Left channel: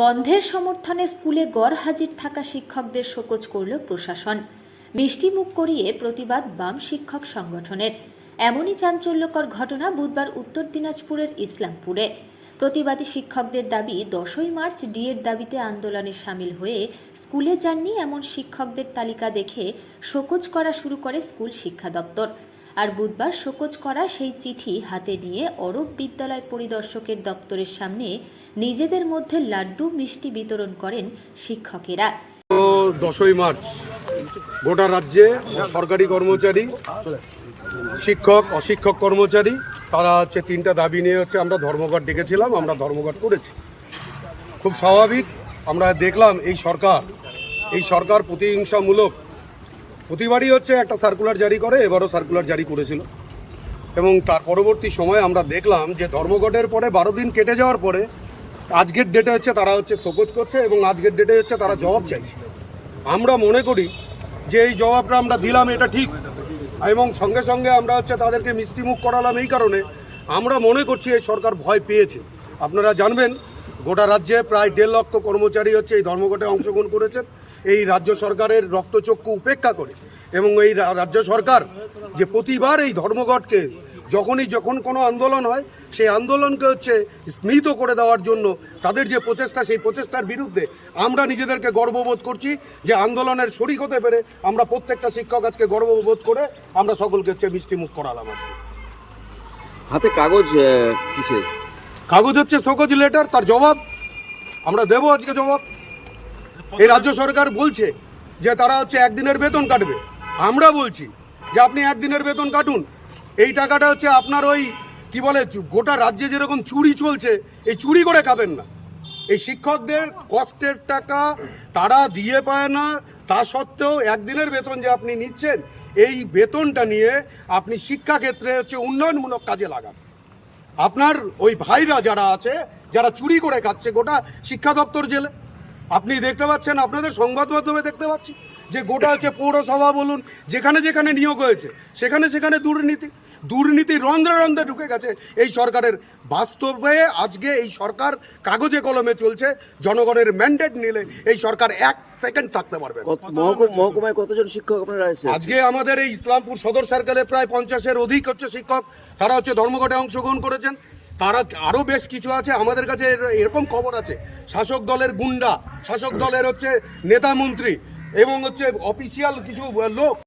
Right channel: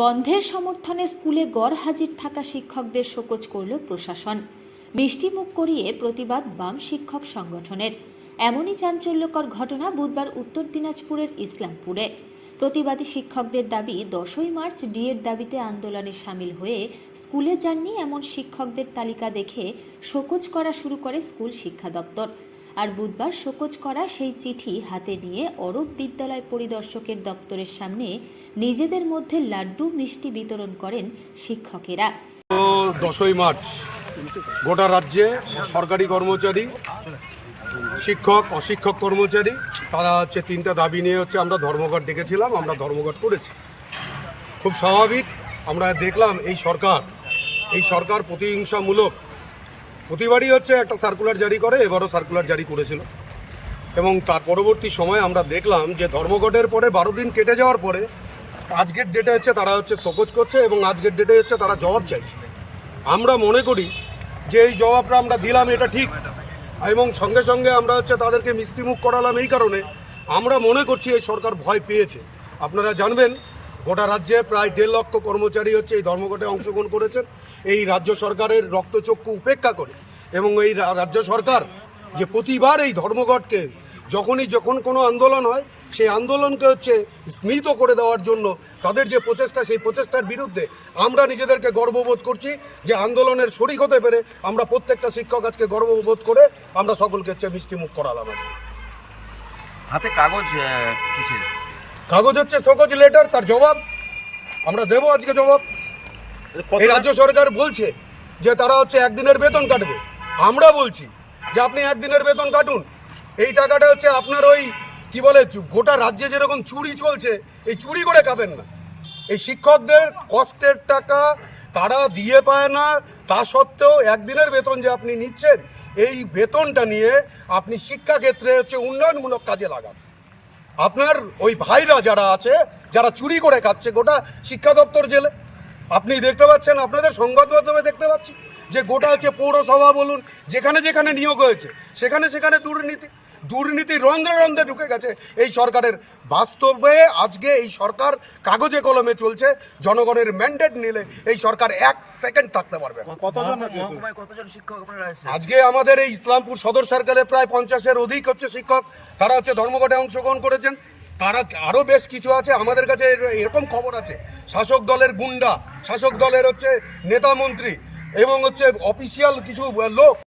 বন্ধের সমর্থনে স্কুলে গড়হাজির থাকা শিক্ষকদের শোকজ করল প্রশাসন। মিষ্টিমুখ করিয়ে প্রতিবাদ বাম শিক্ষক সংগঠনের। এমনই চাঞ্চল্যকর ঘটনা বুধবার উত্তর দিনাজপুরের ইসলামপুরে। প্রতিবাদী শিক্ষকদের দাবি 10ই মার্চ ডিএর দাবিতে আন্দোলনে সামিল হয়ে স্কুলে যাননি এমন শিক্ষকদের তালিকা দেখে শোকজ করা শুরু করে স্কুল শিক্ষা দপ্তর। আর বুধবার শোকজ করা সেই চিঠি হাতে নিয়ে অরব বিদ্যালয় পরিদর্শকের দপ্তরের সামনে নিজেদের মধ্যে লাড্ডু মিষ্টি বিতরণ করেন শিক্ষকেরা। 10ই মার্চ গোটা রাজ্যে সরকারি কর্মচারী, শিক্ষক, অশিক্ষক কর্মচারী তারা তিনটা দাবি নিয়ে আমরা ধর্মঘট ডেকেছিলাম। আমরা ধর্মঘট করেছি। খুব স্বাভাবিক। আমরা দেখলাম এই সরকার প্রতিহিংসামূলক প্রতিবারই একটা সার্কুলার জারি করে, এবারও সার্কুলার জারি করেছিল। এবং তার পরবর্তী সময়ে আমরা দেখলাম যে ধর্মঘটের পরে 12 দিন কেটে যাওয়ার পরে আজকের ডেটে তারা শোকজ করছে এবং আজকের ডেটে তারা জবাব চাইছে। আমরা মনে করি যে এই জবাবটা আমরা দিলাম, এটা ঠিক, এবং সঙ্গে সঙ্গে আমরা তাদেরকে মিষ্টিমুখ করালাম। এই কারণে আমরা মনে করছি এই সরকার ভয় পেয়েছে। আপনারা জানবেন গোটা রাজ্যে প্রায় 1.5 লক্ষ কর্মচারী এই ধর্মঘটে অংশগ্রহণ করেছেন এই রাজ্য সরকারের রক্তচক্ষু উপেক্ষা করে। এবং এই রাজ্য সরকার যে প্রতিবার এই ধর্মঘটকে যখন কোনো আন্দোলন হয় সেই আন্দোলনকে স্মৃত করে দেওয়ার জন্য তাদের যে প্রচেষ্টা, সেই প্রচেষ্টার বিরুদ্ধে আমরা নিজেদেরকে গর্ববোধ করছি যে আন্দোলনের শরিক হতে পেরে আমরা প্রত্যেকটা শিক্ষক আজকে গর্ববোধ করে আমরা সকলকে মিষ্টিমুখ করালাম। আজকে হাতে কাগজ, কিসের কাগজ? Show cause letter. তার জবাব আমরা দেবো আজকে জবাব। এই রাজ্য সরকার বলছে যে তারা একদিনের বেতন কাটবে। আমরা বলছি যে আপনি একদিনের বেতন কাটুন, এই টাকাটা আপনার ওই কি বলে গোটা রাজ্যে যেরকম চুরি চলছে এই চুরি করে খাবেন না। এই শিক্ষকদের কষ্টের টাকা তারা দিয়ে পায় না, তা সত্ত্বেও একদিনের বেতন যে আপনি নিচ্ছেন, এই বেতনটা নিয়ে আপনি শিক্ষাক্ষেত্রে উন্নয়নমূলক কাজে লাগান। আপনার ওই ভাইরা যারা আছে, যারা চুরি করে খাচ্ছে গোটা শিক্ষা দপ্তর জেলে, আপনি দেখতে পাচ্ছেন, আপনাদের সংবাদ মাধ্যমে দেখতে পাচ্ছি যে গোটা পৌরসভা বলুন, যেখানে যেখানে নিয়োগ হয়েছে সেখানে সেখানে দুর্নীতি রন্ধ্রে রন্ধ্রে ঢুকে গেছে এই সরকারের। বাস্তবে আজকে এই সরকার কাগজে কলমে চলছে। জনগণের ম্যান্ডেট নিলে এই সরকার 1 সেকেন্ড থাকতে পারবে না। মহকুমায় কতজন শিক্ষক আপনারা আছেন? আজকে আমাদের এই ইসলামপুর সদর সার্কেলে প্রায় 50-এর অধিক শিক্ষক তারা ধর্মঘটে অংশগ্রহণ করেছেন। তারা আরও বেশ কিছু আছে। আমাদের কাছে এরকম খবর আছে শাসক দলের গুন্ডা, শাসক দলের নেতা মন্ত্রী এবং অফিসিয়াল কিছু লোক